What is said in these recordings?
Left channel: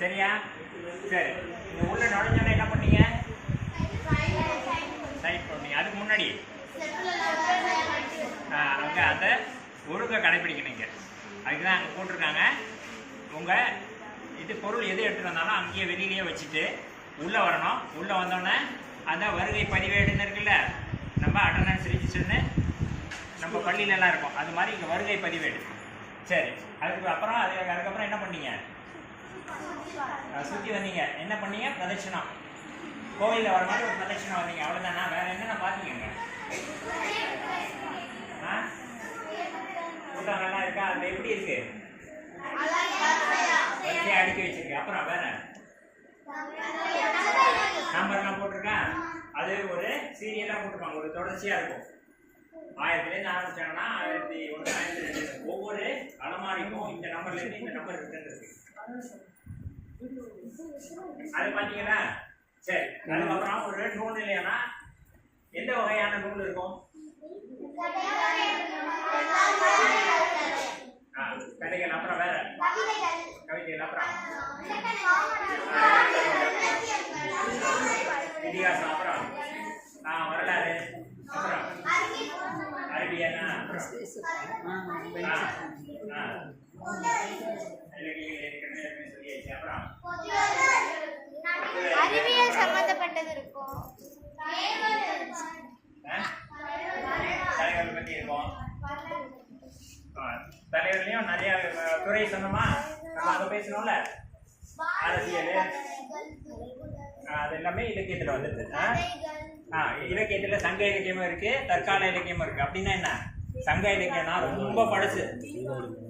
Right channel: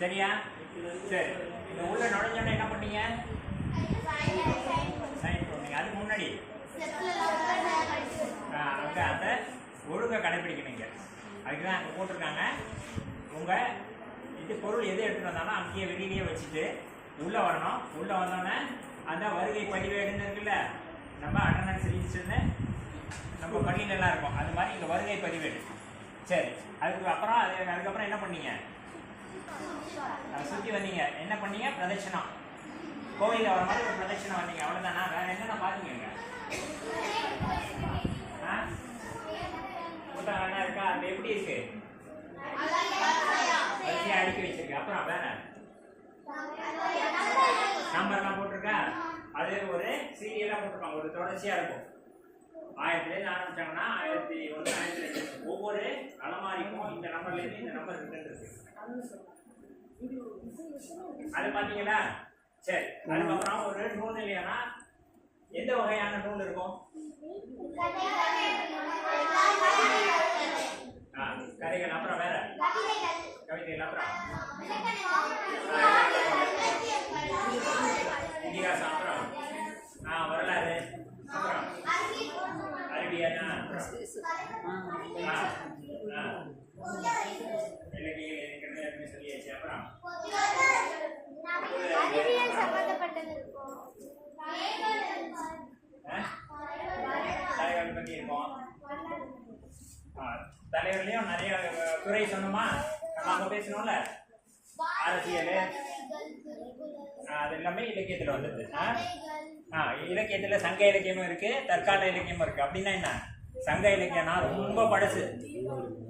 சரியா? சரி, இந்த உள்ள நுழைஞ்சோன்னே என்ன பண்ணீங்க? சைன் பண்ணீங்க. அதுக்கு முன்னாடி அங்கே அந்த ஒழுங்கை கடைப்பிடிக்கணுங்க. அதுக்கு தான் அங்கே போட்டிருக்காங்க. உங்கள் இது பொருள் எது எடுத்துகிட்டு வந்தாலும் அங்கேயே வெளியிலேயே வச்சுட்டு உள்ளே வரணும். உள்ளே வந்தோடனே அந்த வருகை பதிவேடுன்னு இருக்குல்ல, நம்ம அட்டண்டன்ஸ் ரிஜிஸ்டர்னு நம்ம பள்ளியிலலாம் இருக்கும், அது மாதிரி இங்கே வருகை பதிவேடு. சரி, அதுக்கப்புறம் அதுக்கப்புறம் என்ன பண்ணீங்க? சுற்றி வந்தீங்க. என்ன பண்ணீங்க? பிரதட்சணம். கோவிலில் வர மாதிரி ஒரு பிரதட்சணம் வந்தீங்க, அவ்வளோதானா? வேறு என்னென்ன பார்த்தீங்க? புத்தகம்லாம் இருக்கா? அது எப்படி இருக்கு? அடுக்கி வச்சிருக்கேன். அப்புறம் வேற நம்பர்லாம் போட்டிருக்கேன். அது ஒரு சீரியலாக போட்டிருப்பாங்க, ஒரு தொடர்ச்சியாக இருக்கும். 1000லேருந்து ஆரம்பிச்சாங்கன்னா 1001, 1002 ஒவ்வொரு அலமாரிக்கும் இந்த நம்பர்லேருந்து இந்த நம்பர் இருக்கு. அது பார்த்தீங்களா? சரி, அதுக்கப்புறம் ஒரு நூல் இல்லையானா எந்த வகையான நூல் இருக்கும்? கதைகள். அப்புறம் வேற கவிதைகள். அப்புறம் இதிகாசம். அப்புறம் வரலாறு. அப்புறம் அரபியனா. இலக்கியம் சொல்லியாச்சு. அப்புறம் அறிவியல் சம்பந்தப்பட்டது இருக்கும். தலைவர்கள் பற்றி இருக்கும். தலைவர்களையும் நிறைய துறை சொன்னோமா, நம்ம அங்கே பேசணும்ல, அரசியல், அது எல்லாமே இலக்கியத்தில் வந்துடுது. இலக்கியத்தில் சங்க இலக்கியமும் இருக்கு, தற்கால இலக்கியமும் இருக்கு. அப்படின்னா என்ன? சங்க இலக்கியம்னா ரொம்ப பழசு,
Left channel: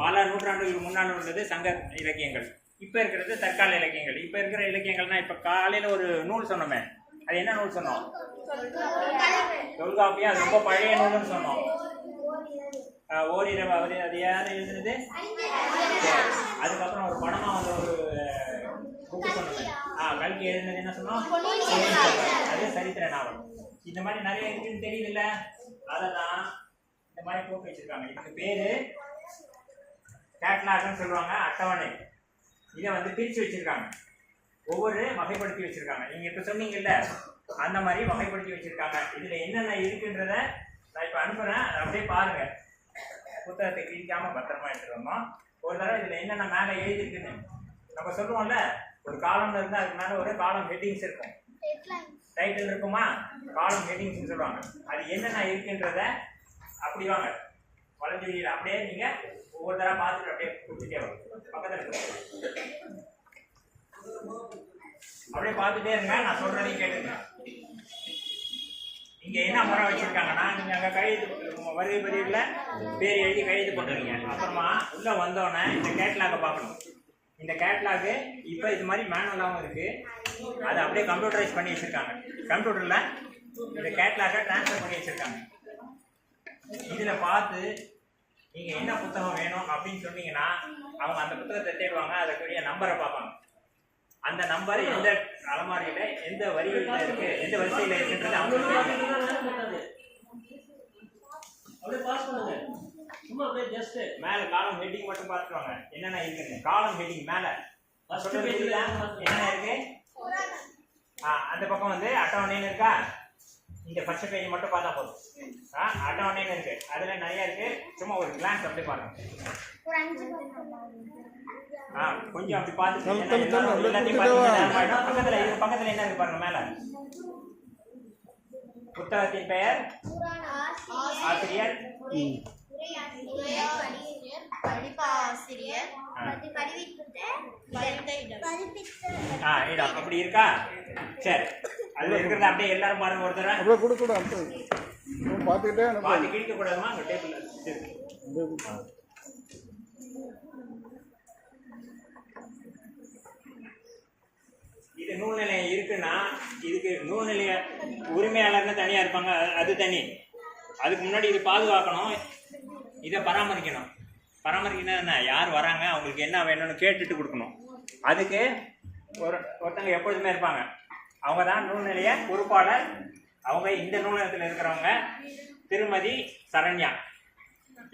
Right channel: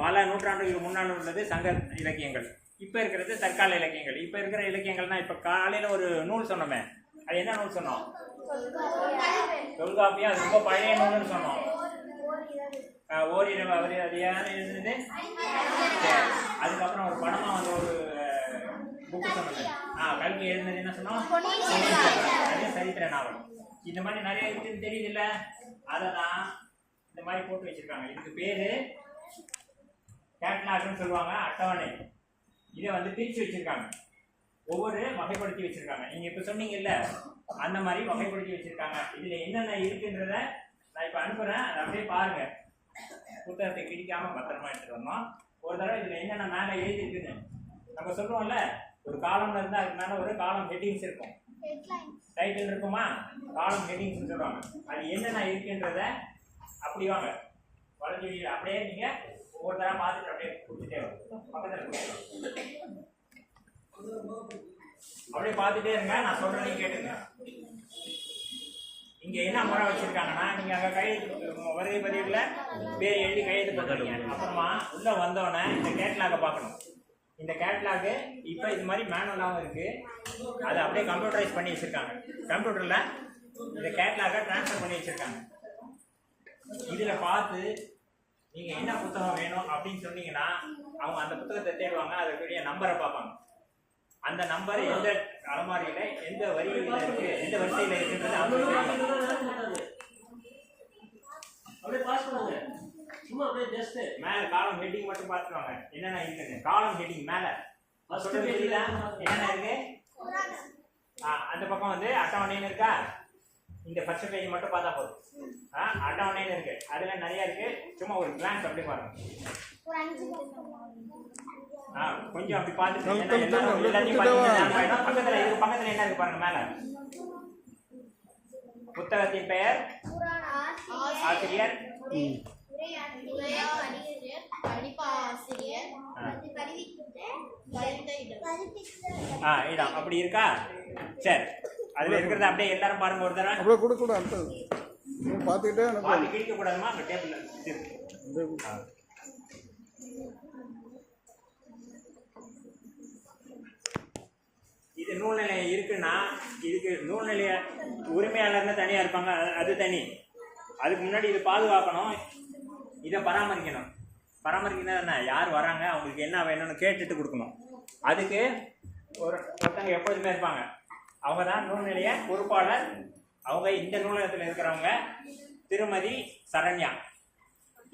பல நூற்றாண்டுகளுக்கு முன்னால் உள்ளது சங்க இலக்கியங்கள். இப்போ இருக்கிறது தற்கால இலக்கியங்கள். இப்போ இருக்கிற இலக்கியங்கள்னா இப்போ காலையில் ஒரு நூல் சொன்னோமே, அது என்ன நூல் சொன்னோம்? தொல்காப்பியம். அது ரொம்ப பழைய நூல்னு சொன்னோம். ஓரிரவு அவர் அது யார் எழுதுனது? சரி, அதுக்கப்புறம் ஒரு படமாக வந்து ஒரு புக்கு சொன்னது. கல்கி எழுதுனது என்ன சொன்னோம்? அது சரித்திர நாவல். இந்த மாதிரி நிறைய இருக்குன்னு தெரியுதுல்ல, அதை தான் இந்த மாதிரி போட்டு வச்சிருக்காங்க. இதுக்கு பேரு கேட்லாக்னு சொல்லுவாங்க, அட்டவணை. இதை வந்து பிரித்து வச்சிருக்காங்க, ஒவ்வொரு வகைப்படுத்தி வச்சிருக்காங்க. நீங்க இப்போ சொன்னீங்கல்ல, அந்த மாதிரி வகைப்படுத்தி வச்சிருக்காங்க. இதுல என்னென்ன இருக்குன்றத நான் இப்போ அனுப்புறேன், அப்படியே பாருங்க. புத்தகத்தை கிழிக்காம பத்திரமா எடுத்துட்டு வந்தோம். ஒரு தடவை இதுல என்னென்ன மேலே எழுதிருக்குன்னு நம்ம சொல்லுவோம்ல, ஒரு காலம்ல இருந்தா அதுக்கு மேல ஒரு காலம் ஹெட்டிங்ஸ் இருக்கும், டைட்டில் இருக்குமா, காலம் ஹெட்டிங்ஸ் சொல்லுவாங்க. அது என்னென்ன இருக்குன்றத அப்படி வாங்க வளைஞ்சு அப்படியே நீங்க ஒவ்வொரு தடவை பார்த்துட்டு அப்படியே கொடுத்துட்டே வரும். பக்கத்தில் அப்படியே பார்த்துட்டே இருங்க, நான் சொல்றேன் கேட்டுங்க. இங்க என்ன முறை வச்சிருக்காங்கன்னா, நீங்க அங்க கையெழுத்து வருகை பதிவுல பேர் எழுதி கையெழுத்து போட்டுருங்க. அப்புறமா உள்ள வந்தோடனே இந்த கேட்லாக பார்க்கணும். இந்த கேட்லாக் இப்போ இது மாதிரி மேனுவலாகவும் இருக்கு, அதை அப்படியே கம்ப்யூட்டரைஸ் பண்ணி வச்சிருக்காங்க. கம்ப்யூட்டர்ல இந்த கேட்லாக டிரான்ஸ்ஃபர் பண்ணி வச்சிருக்காங்க. இதுல பார்த்து நீங்க என்ன புத்தகம் வேணும் அப்படின்னு சொன்னீங்கன்னா அவங்க அந்த புத்தகத்தை தேடுவாங்க, அதற்குரிய நம்பரை பார்ப்பாங்க. அந்த நம்பர் எந்த அலமாரியில எந்த வரியில இருக்கு, எந்த வரிசையில இருக்குன்றது அவங்க மேல காலம் ஹெட்டிங் மட்டும் பார்த்துருவாங்க என்னென்ன இருக்குன்னு. காலம் ஹெட்டிங் மேல என்னென்ன இருக்கு, அந்த பக்கம் வந்து அட்டவணைன்னு இருக்கா, இந்த ஃபர்ஸ்ட் பேஜ் மட்டும் பார்த்தா போதும். அட்டவணைன்னு இருக்கு, அதுல நிறைய இருக்கு. சும்மா ஒரு கிளான்ஸ் அப்படி பாருங்க, கொஞ்சம் அப்படி பார்த்து பக்கத்துல என்ன இருக்கு பாருங்க. மேல புத்தகத்தின் பெயர், ஆசிரியர், இடம் அப்படி இருக்கா? சரி, அதுல இருக்கிறத அப்படியே எல்லாரும் பாருங்க. ஒரு தடவை அப்படியே கொடுக்க கூடாது, பார்த்துக்கிட்டே பாதி கிழிக்க கூடாதுமா. அந்த டேபிள் இருக்கு. இது நூல் நிலையம் இருக்குன்னா இதுக்கு நூல் நிலைய உரிமையாளர்னு தனியா இருப்பாங்க, அது தனி. அதுக்கு முன்னாடி இது பாதுகாக்கணும், இதை பராமரிக்கணும். பராமரிக்கணும் என்ன, யார் வராங்க அவங்களுக்கு என்ன வேணும்னு கேட்டுட்டு கொடுக்கணும். அதுக்கு ஒருத்தங்க எப்பொழுதுமே இருப்பாங்க, அவங்க தான் நூல் நிலைய பொறுப்பாளர். அவங்க இந்த நூலகத்தில் இருக்கிறவங்க திருமதி சரண்யா.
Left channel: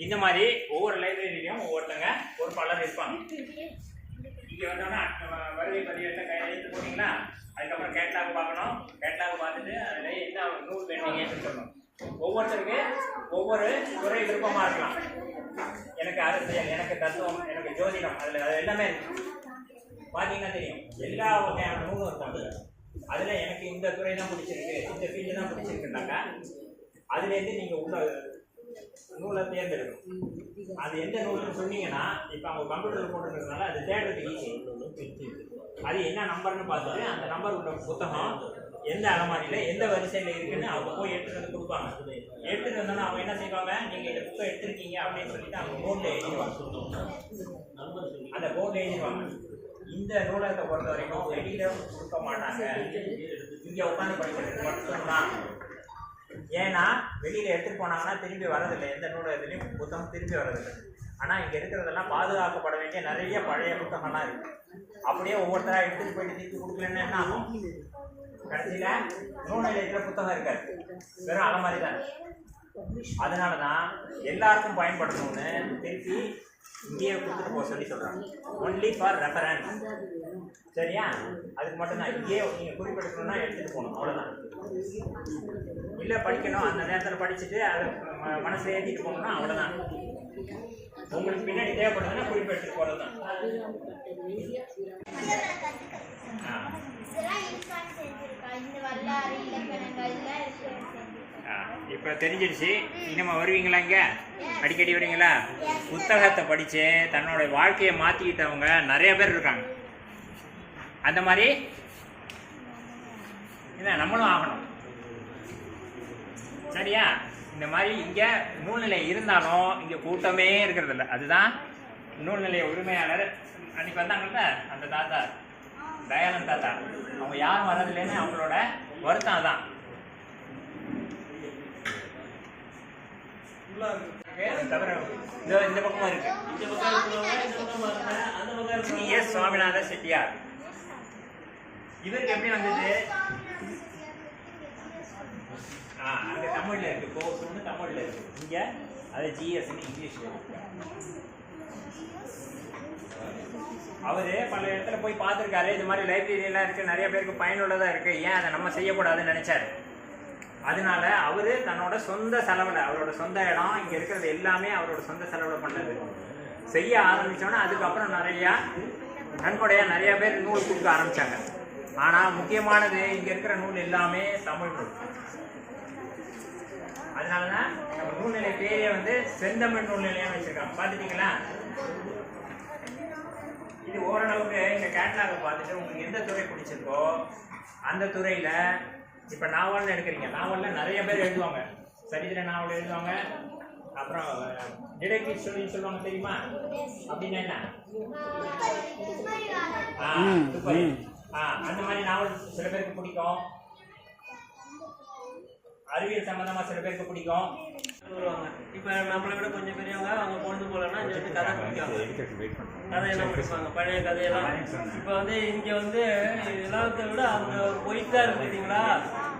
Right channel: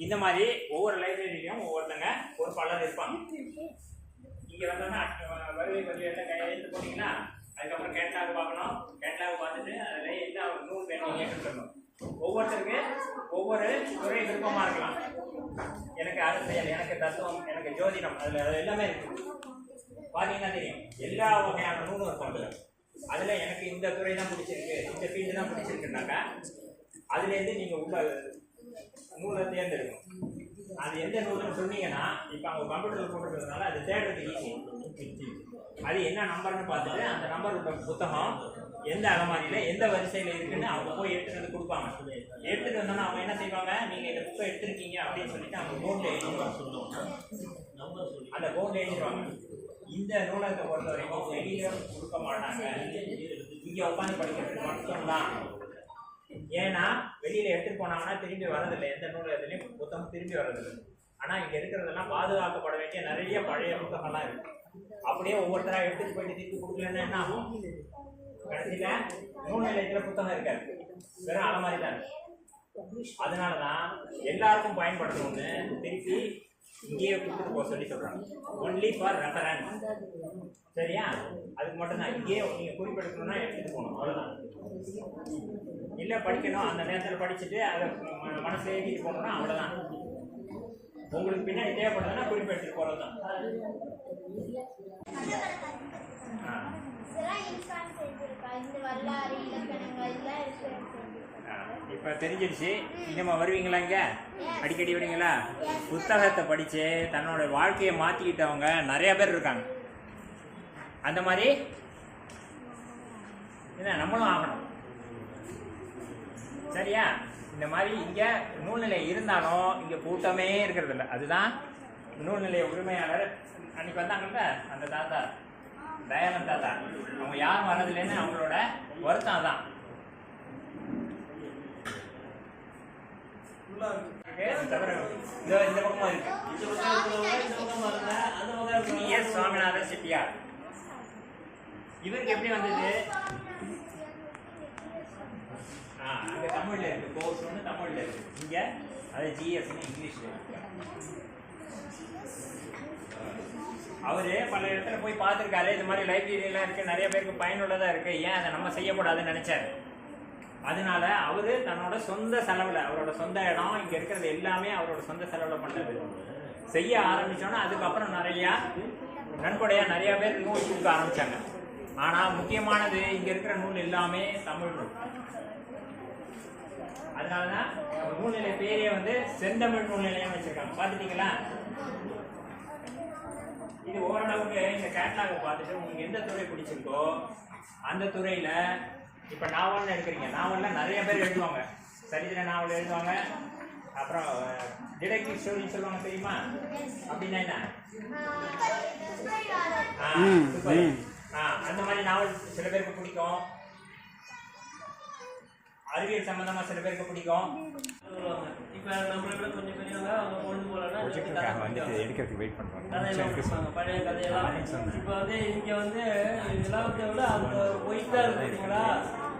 இந்த மாதிரி ஒவ்வொரு லைப்ரரியிலையும் ஒவ்வொருத்தங்க பொறுப்பாளர் இருப்பாங்க. இங்கே வந்தோன்னா வருகை வருகை பதிவேட்டில் கையெழுத்து போட்டிங்கன்னா அதுக்கப்புறம் கேட்டாக பார்க்கணும். கேட்டாக பார்த்துட்டு அதில் என்ன நூல் வேணுங்கன்னு சொல்லணும். ஒவ்வொருத்தருக்கு ஒவ்வொரு துறை விருப்பமாக இருக்கலாம். எனக்கு அரசியல், எனக்கு தத்துவம், எனக்கு ஜோதிடம், அதில் அது எல்லாமே இருக்கு. பார்த்தீங்கன்னா தெரியும் எல்லா வகையான நூலும் இருக்கும். அதில் எனக்கு இந்த துறை தான் பிடிச்சிருக்கு, இந்த ஃபீல்டு தான் பிடிச்சிருக்குனாக்கா அதுலேருந்து நீங்கள் உள்ள நூலை தேர்ந்தெடுக்கணும். அது எந்த நூல்னு சொன்னீங்கன்னா இப்போ அவங்க கம்ப்யூட்டரில் போட்டுருக்கிறதுனால அது தேடுறதுக்கு ஈஸி. அது என்ன நம்பர்னு பார்த்துட்டு அந்த நம்பர் உள்ள புத்தகம் எந்த அலமாரியில் எந்த வரிசையில் இருக்குன்னு அவங்க போய் எடுத்துகிட்டு வந்து கொடுப்பாங்க. எடுத்துகிட்டு வந்தோன்னா அவங்க என்ன செய்வாங்க, நீங்கள் இந்த புக்கை எடுத்துருக்கீங்க அப்படின்னு சொல்லிட்டு அவங்க போர்டில் எழுதிடுவாங்க. அந்த போர்டில் எழுதிடுவாங்க. இந்த நூலகத்தை பொறுத்த வரைக்கும் வெளியில் கொடுக்க மாட்டாங்க, இங்கே உட்காந்து படிக்கிறது மட்டும்தான். ஏன்னா வெளியில் எடுத்துகிட்டு போனாங்கன்னா திரும்பி வரதில்லை, எந்த நூலகத்துலேயும் புத்தகம் திரும்பி வரதில்லை. ஆனால் இங்கே இருக்கிறதெல்லாம் பாதுகாக்கப்பட வேண்டிய நிறைய பழைய புத்தகம்லாம் இருக்குது. அப்படியே ஒவ்வொருத்தராக எடுத்துகிட்டு போயிட்டு திருப்பி கொடுக்கலன்னா என்ன ஆகும், கடைசியில் நூல் நிலையத்தில் புத்தகம் இருக்காது, வெறும் அலமாரி தான். அதனால தான் எல்லாருக்கும் பயன்படுத்தணும்னு திருப்பி இங்கேயே கொடுத்துட்டு போக சொல்லி சொல்கிறாங்க. Only for reference. சரியா? அதுக்கு மட்டும்தான் இங்கேயே நீங்கள் குறிப்பெடுக்கணும்னா எடுத்துகிட்டு போகணும், அவ்வளோதான். இல்லை படிக்கணும் அந்த நேரத்தில் படிச்சுட்டு அதை மனசில் ஏற்றிட்டு போகணும்னா அவ்வளோதான். உங்களுக்கு பின்னாடி தேவைப்படுதுன்னா குறிப்பெடுத்துட்டு போகிறது தான். இப்போ தெரிஞ்சிடுச்சு. இனிமே வருவீங்களா? இங்கே அடிக்கடி வருவீங்களா? புத்தகத்தை படித்து தன்னோட வாழ்க்கையை மாற்றிக்கிட்டவங்க நிறைய பேர் இருக்காங்க. அந்த மாதிரி என்ன நம்மளும் ஆகணும். சரியா? இந்த மாதிரி இங்கே நூல்நிலை இருந்தாலும் இங்கே கூட்டமே இருக்கிறது இல்லை. அதுதான் நூல்நிலைய உரிமையாளர் அன்றைக்கி வந்தாங்கல்ல அந்த தாத்தா, தயானந்த் தாத்தா, அவங்க யாரும் வர்றதில்லைன்னு அவங்களோட வருத்தம் தான். தவிர இந்த பக்கமா இருக்கு. எஸ் சுவாமிநாத செட்டியார். இவருக்கு எப்படி வந்தது? அங்க தமிழ்ல இருக்கு, கோர்ஸ் ஒன்று தமிழ்ல இருக்கு, இங்க அது ஜிஎஸ்ன்னு இங்கிலீஷ்ல இருக்கு. அவரு பல இடத்துல போய் பார்த்துருக்காரு, இது மாதிரி லைப்ரரியெல்லாம் இருக்கு, நிறைய பேருக்கு பயனுள்ளதா இருக்கு, ஏன் அதை நம்ம செய்யக்கூடாதுன்னு நினைச்சாரு. அதனால அவரு தன்னோட சொந்த செலவில், அவரோட சொந்த இடம் இங்க இருக்கிறது எல்லாமே அவரோட சொந்த செலவில் பண்ணது. செய்ய ஆரம்பிச்சோன்னா அதுக்கப்புறம் நிறையா நன்கொடையா நிறைய பேர் நூல் கொடுக்க ஆரம்பிச்சாங்க. ஆனா முக்கியமானது இங்க இருக்கிற நூல் எல்லாமே தமிழ் நூல். அதனாலதான் நம்ம நூல்நிலை பேரே வந்து செந்தமிழ் நூல் நிலையம் வச்சிருக்காங்க. பார்த்துட்டீங்களா? இது ஓரளவுக்கு இந்த கேட்லாகை பார்த்துட்டு உங்களுக்கு எந்த துறை பிடிச்சிருக்கோ அந்த துறையில, இப்போ நாவல்னு எடுக்கிறீங்க, நாவலில் நிறைய பேர் எழுதுவாங்க, சரித்திர நாவல் எழுதுவாங்க, அப்புறம் டிடெக்டிவ் ஸ்டோரி சொல்லுவாங்க, தெரியுமா? அப்படின்னா என்ன? அந்த மாதிரி நாவல் சில பேருக்கு பிடிக்கும். அறிவியல் சம்பந்தமா சில பேருக்கு பிடிக்கும். இப்போ நம்மளை விட கொஞ்சம் பெரியவங்க அவங்க கொண்டு போகலன்னா கதை கதையெல்லாம் கொடுப்பாங்க, பழைய கதையெல்லாம். இப்போ வந்து இங்கே வந்து எல்லாத்தை விட அந்த ஒயிட்டாக இருக்கு பார்த்தீங்களா,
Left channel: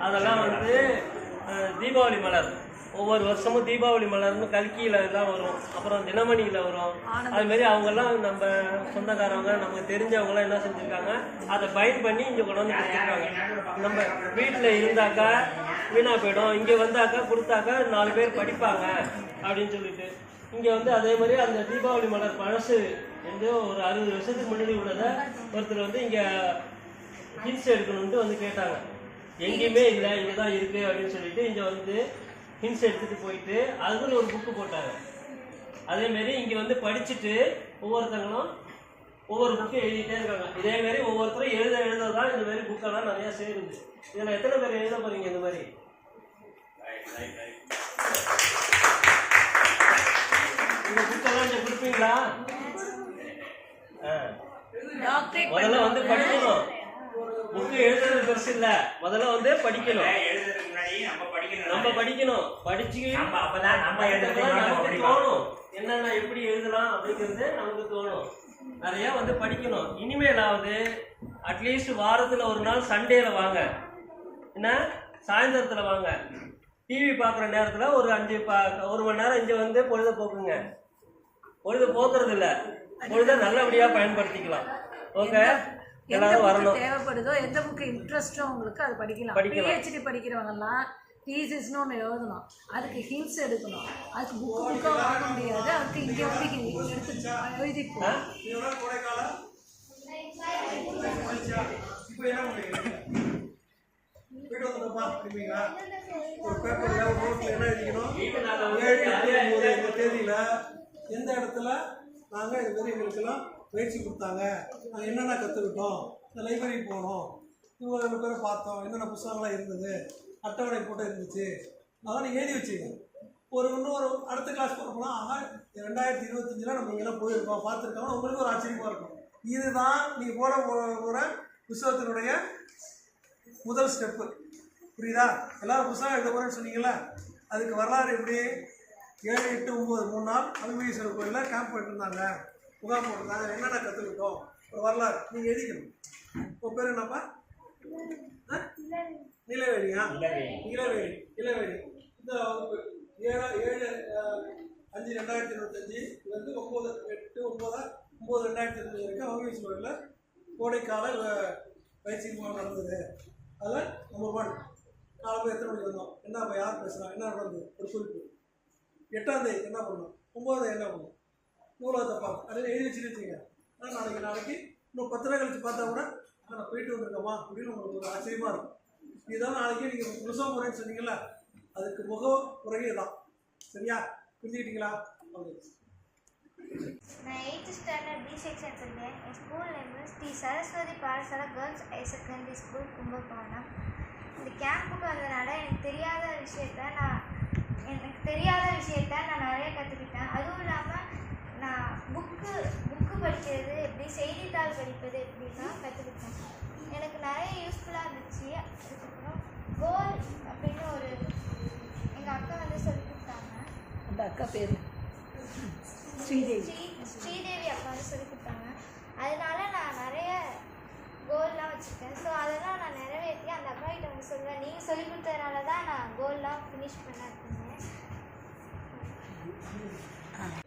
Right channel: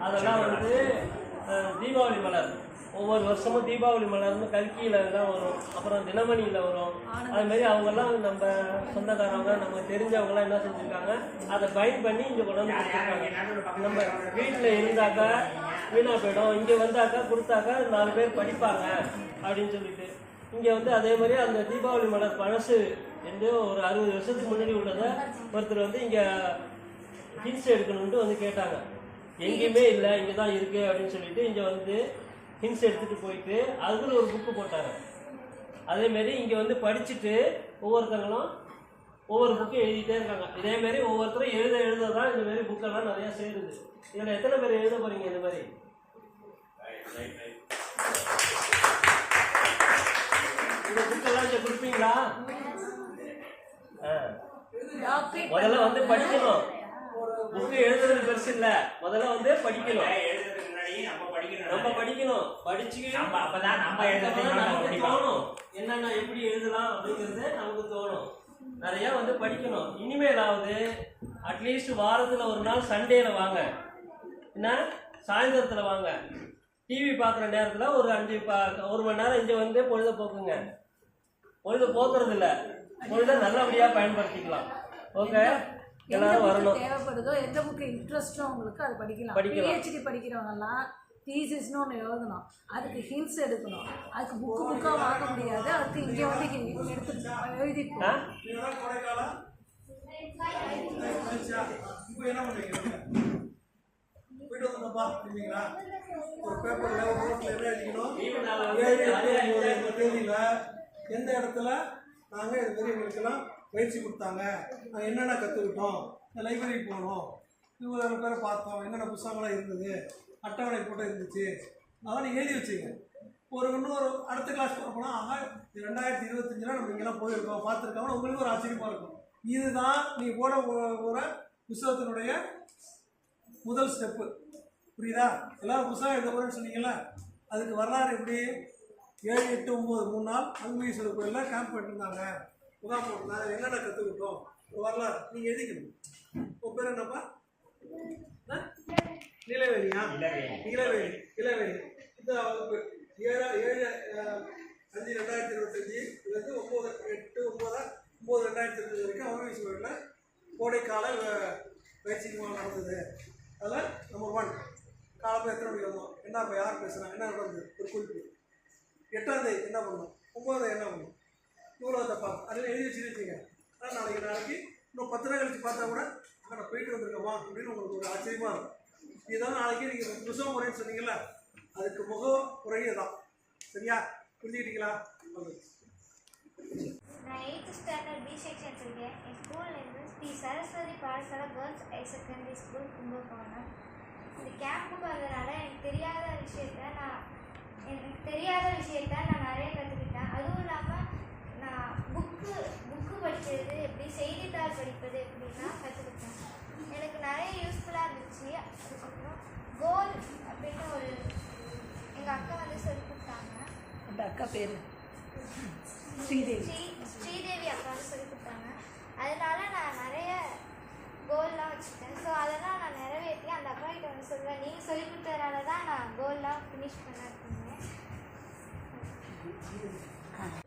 அதெல்லாம் வந்து தீபாவளி மலர். ஒவ்வொரு வருஷமும் தீபாவளி மலர்னு கல்கியில் தான் வரும், அப்புறம் தினமணியில் வரும். அதுமாரி அவங்கெல்லாம் நம்ம சொந்தக்காரவங்க நமக்கு தெரிஞ்சவங்களாம் என்ன செஞ்சுருக்காங்க, அதை பைண்ட் பண்ணி இங்கே கொண்டு வந்து கொடுத்துருக்காங்க. நம்ம வீட்டில் இருந்தாக்கா வீணாக போயிடும், இங்கே வந்தாக்கா கொடுத்தாக்கா 4 பேர் படிப்பாங்க அப்படின்னு சொல்லிட்டு இங்கே வந்து அதே மாதிரி அந்த தீபாவளி மலர் பழசு வந்து ஒரு 60 வருஷத்துக்கு முன்னாடி உள்ளதை ஒருத்தர் வந்து இங்கே ஹின்ஸ் எடுக்கணுன்ட்டு வந்து கேட்டாங்க. எங்கேயுமே இல்லை, இங்கே தான் இருக்குது அப்படின்னு சொல்லிட்டு இங்கே வந்து ஹின்ஸ் எடுத்துகிட்டு போயிட்டு அதுக்குன்னு ஒரு புக்கு போட்டாங்க. அதேமாரி இங்கே வந்து படிச்சுட்டு ஒவ்வொருத்தங்களும் ஒவ்வொரு புக்கும் எழுதிட்டே இருக்காங்க. இதேமாரி ஒவ்வொருத்தரும் எழுத தான் இந்த மாதிரி புக்கெல்லாம் நிறையா சேருது. இதில் எத்தனை பேர் எழுத போகிறீங்க இந்த மாதிரி? இந்த புக்கெல்லாம் இங்கே கொடுப்பீங்களா? முதல்ல வந்து படிக்கணும். புக்கு எழுதுறது பெருசு இல்லை, முதல்ல வந்து படிக்கணும். நம்ம படிக்கணும், படிச்சு அப்பதான் நம்ம நமக்கு தோணும் என்னென்ன எப்படி எழுதலாம் அப்படிங்கிறது நமக்கு தோணும். நிறைய வந்து படிக்கணும். இனிமேலாவது அட்லீஸ்ட் வாரத்தில் ஒரு நாள் சண்டேல வாங்க, என்ன சாயந்தரத்தில் வாங்க. டிவி பார்க்குற நேரத்தில் ஒரு 1 மணி நேரம் இங்கே வந்து பொழுத போக்குங்க. பொழுத போக்குறது இல்லை, பொழுத நல்லபடியாக பயன்படுத்திக்கலாம். ஓகே, எந்த எல்லாரும் புக்கு வரணும். தேவைப்படுதோ எந்த புக்கு இன்ட்ரெஸ்ட்டோ அவங்களுக்கு அது படிக்கலாம். பிஹெச்டி படிக்கிறவங்கெல்லாம் தீசிஸ்னு ஒன்று எழுதணும், அதுக்கு ஹிண்ட்ஸ் எடுக்கணும், அதுக்கு புக்காக வாங்க முடியாது, அதுக்கு இங்கே வந்து எடுத்து எழுதிப்போம். இப்போ என்ன பண்ணுறீங்க? போய்ட்டு வந்துட்டோம்ப்பா அப்படிங்களா? ஒரு பேப்பரில் ஒரு நோட்டில் என்ன எழுதிக்கணும்? 7/8/9 இந்த தேதியில் எந்த இடத்துல நாங்கள் இது மாதிரி எங்களுக்கெல்லாம் பயிற்சி கொடுத்தாங்க, நாங்கள் என்னென்ன கற்றுக்கிட்டோம், இந்த லைப்ரரி போனோம், இவ்வளோ பேரை பார்த்தோம், என்னென்ன புத்தகங்களாம் இருந்தது, அட்டவணை போட்டு இருந்துச்சு, அதான் நீங்கள் எழுதி வச்சுங்க. இன்னும் ஒரு அடுத்த கிளாஸ் போகிறப்போனா 2025 நம்ம இங்கெல்லாம் போயிருக்கோம், பார்த்துருக்கோம், உங்களுக்கு ஒரு ஆச்சரியமாக இருக்கும். இதுதான் நீங்கள் போகிற புத்தகத்தினுடைய முதல் ஸ்டெப்பு. புரியுதா? எல்லோரும் புத்தகம் எழுத போகிறேன்னு சொன்னீங்களா? அதுக்கு வரலாறு எப்படி? 7, 8, 9 3 நாள் அருள்மிகேஸ்வரர் கோயிலில் கேம்ப் போட்டுருந்தாங்க, முகாம் போட்டிருந்தாங்க, என்னென்ன கற்றுக்கிட்டோம், ஒரு வரலாறு நீங்கள் எழுதிக்கணும். உங்கள் பேர் என்னப்பா? நிலவேலியா? இளவேலி. இந்த வகுப்பு 7/5/2025 இருந்து 9/8/9/2025 வரைக்கும் அருள்மிகேஸ்வரர் கோயிலில் கோடைக்கால பயிற்சி முகாம் நடந்தது. அதில் நம்பர் 1 காலம்பு எத்தனை மணிக்கு வந்தோம், என்ன இப்போ யார் பேசுகிறாங்க, என்ன நடந்தது ஒரு குறிப்பு. 8ஆம் தேதி என்ன பண்ணணும், 9ஆம் தேதி என்ன பண்ணணும், நூலகத்தை பார்க்க அதில் எழுதி வச்சுருக்கீங்க. ஆனால் நாளைக்கு இன்னும் 10 நாள் கழிச்சு பார்த்தா கூட நான் போயிட்டு வந்திருக்கோமா அப்படின்னு உங்களுக்கு ஒரு ஆச்சரியமாக இருக்கும். இதுதான் நாளைக்கு நீங்கள் புத்தகம் முறைன்னு சொன்னீங்கல்ல, அதுக்கு முக முறையே தான். சரியா? புரிஞ்சுக்கிட்டீங்களா? நான் 8th ஸ்டாண்டர்ட் பி செக்ஷன் இருக்கேன். என் school name Sri Saraswathi Pathasala girls higher secondary school Kumbakonam. இந்த கேம்புக்கு வந்ததுனால எனக்கு தெரியாத விஷயத்த நான் நிறைய கற்றுக்கிட்டேன். அதுவும் இல்லாமல் நான் புக்கு படிக்கிறது எப்படி, செய்தித்தாள் படிப்பது எப்படின்னா கற்றுக்கிட்டேன். எனக்கு நிறைய யூஸ்ஃபுல்லாக இருந்துச்சு. அதுக்கப்புறம் கோல் அப்படின்னு எங்கள் அக்கா வந்து சொல்லி கொடுத்தாங்க. அந்த அக்கா பேர் ஸ்ரீதேவி அக்கா வந்து சொல்லி கொடுத்தாங்க. அதனால நான் நிறைய கோல்லாம் வச்சுருக்கேன். ஸோ அதெல்லாம் நான் நிறைவேற்றி அந்த அக்கா கிட்ட வந்து சொல்லுவேன், நீங்கள் சொல்லி கொடுத்ததுனால தான் நான் கோல்லாம் ஃபினிஷ் பண்ணிருக்கேன்.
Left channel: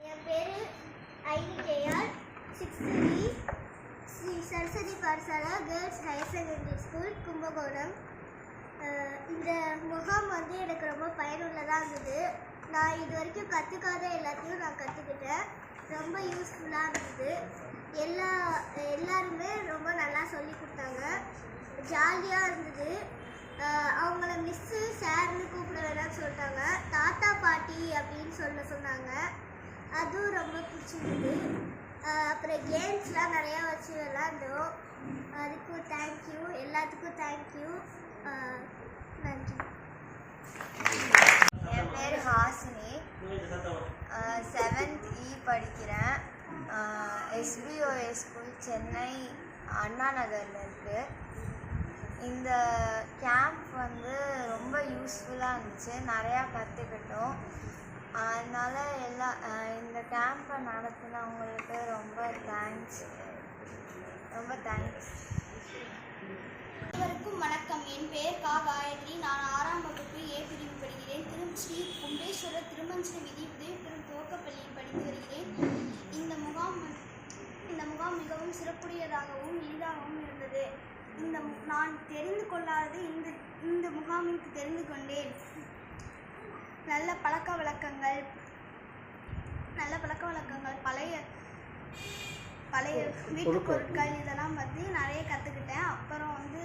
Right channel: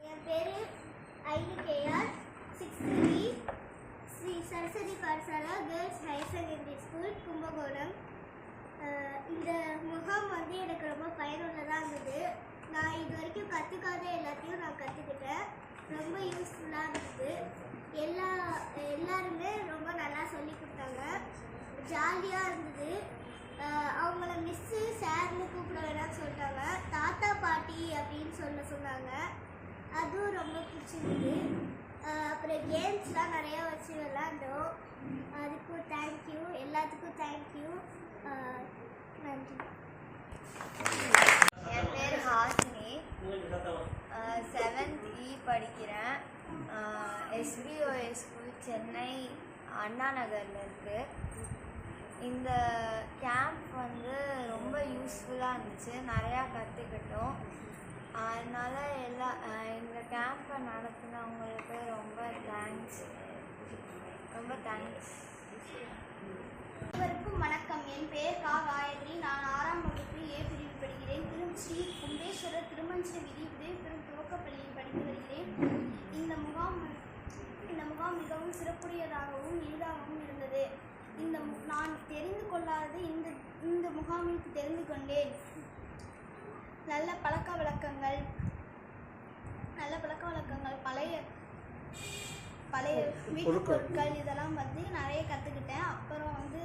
என் பேர் ஐனிகேஆர், 6th Sri Saraswathi Pathasala girls higher secondary school Kumbakonam. இந்த முகாம் வந்து எனக்கு ரொம்ப பயனுள்ளதாக இருந்தது. நான் இது வரைக்கும் கற்றுக்காத எல்லாத்தையும் நான் கற்றுக்கிட்டேன். ரொம்ப யூஸ்ஃபுல்லாக இருந்தது. எல்லாருமே ரொம்ப நல்லா சொல்லி கொடுத்தாங்க. ஜாலியாக இருந்தது. அவங்கள மிஸ்ஸு சார்னு கூப்பிட வேணாம்னு சொல்லிட்டாங்க, தாத்தா பாட்டி அப்படின்னு சொன்னாங்க. அதுவும் ரொம்ப பிடிச்சிருந்தது. அப்புறம் கேம்ஸ்லாம் நிறையா வச்சு விளாண்டோம். அதுக்கும் தேங்க்யூ, எல்லாத்துக்கும் தேங்க்யூ. நன்றி. என் பேர் ஹாசினி, 7th E படிக்கிறேன். SBOS ஸ்கூல் சென்னை அண்ணா நகரில் இருக்குது. இந்த கேம்ப் வந்து ரொம்ப யூஸ்ஃபுல்லாக இருந்துச்சு, நிறையா கற்றுக்கிட்டோம். அதனால் இந்த கேம்பை நடத்தினவங்களுக்கு ரொம்ப தேங்க்ஸ். அனைவருக்கும் வணக்கம். என் பெயர் கா காயத்ரி. நான் 6ஆம் வகுப்பு A பிரிவு படிக்கிறேன். ஸ்ரீ கும்பேஸ்வரர் திருமஞ்சன விதி உதவிபெறும் துவக்கப்பள்ளியில் படித்து வருகிறேன். இந்த முகாம் மிகவும் சிறப்புடையதாகவும் எளிதாகவும் இருந்தது. நான் தெரிந்து கொள்ளாதது இந்த முகாமிற்கு தெரிந்து கொண்டேன். நல்ல பழக்க வழக்கங்கள், பழைய வீட்டு பொருட்கள் இதெல்லாம் வந்து நிறைய கற்றுக்கிட்டேன். அப்புறம் வந்து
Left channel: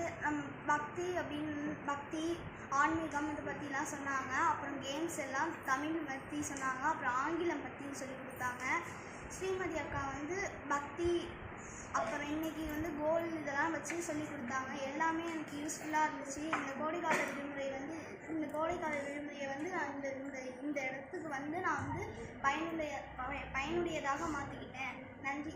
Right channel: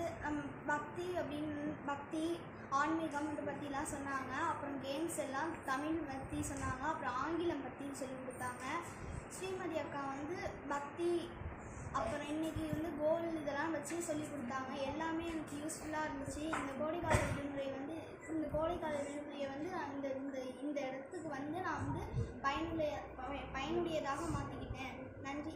பக்தி ஆன்மீகம் இதை பற்றிலாம் சொன்னாங்க. அப்புறம் கேம்ஸ் எல்லாம் தமிழ் பற்றி சொன்னாங்க. அப்புறம் ஆங்கிலம் பற்றி சொல்லி கொடுத்தாங்க. ஸ்ரீமதி அக்கா வந்து பக்தி, அப்புறம் இன்றைக்கி வந்து கோல் இதெல்லாம் வச்சு சொல்லி கொடுத்தாங்க. எல்லாமே எனக்கு யூஸ்ஃபுல்லாக இருந்துச்சு. இந்த கோடைக்கால விடுமுறையை வந்து இந்த இடத்துக்கு வந்து நான் வந்து பயனுடையதாக மாற்றிக்கிட்டேன். நன்றி.